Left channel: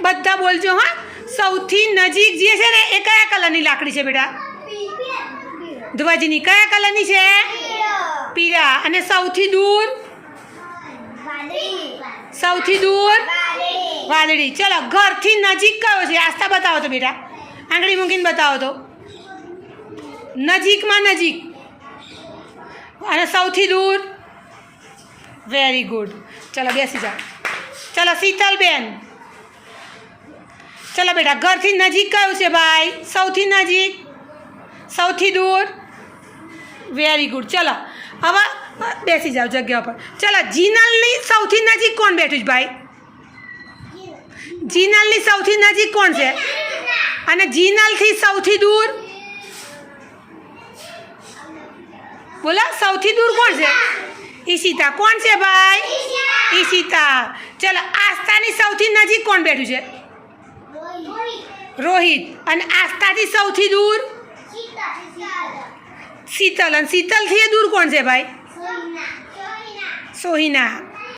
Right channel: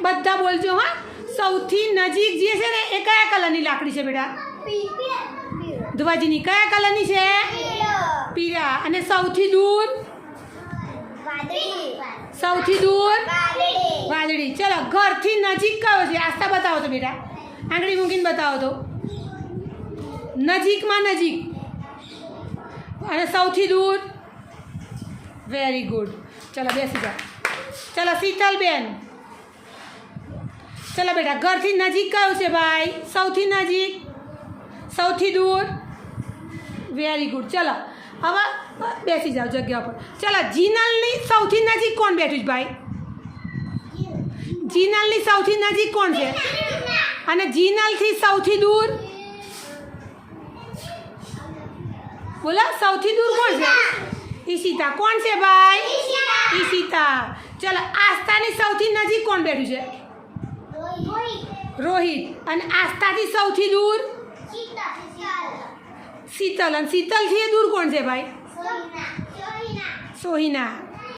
બધા બોલજો હા સૌથી નજીક જે છે ને એ કયા કલરની લાકડી છે બેટા ધ્વજની કયા કલરની છે પીળા અને સૌથી દૂર વાદળી ચલો ઘરથી નજીક કયો છે આસ્થા બતાવો તો બેટા આંગળી મૂકીને બતાવો તો નજીકમાં નજીક અને સૌથી દૂર વેરી ગુડ ચલો બેસી જાઓ ચલો શીતલબેન ચલો બેટા ઘરથી નજીક કયું છે ભાઈ સૌથી નજીક સૌથી દૂર વેરી ગુડ ચલો હવે બેસી જાઓ જગ્યા પર ચલો જીનલની સૌથી નજીક કોણ બેઠું છે ભાઈ જીનલની સૌથી નજીક કોણ છે અને જીનલથી સૌથી દૂર બોલો સૌથી દૂર કોણ છે ઈશિતા કોણ છે ભાઈ ઈશિતા ચલો આસ્થાની સૌથી નજીક કોણ બેઠું છે રોહિત અને આસ્થાથી સૌથી દૂર શીતલ અને શીતલથી દૂર કોણ છે ભાઈ સોહિના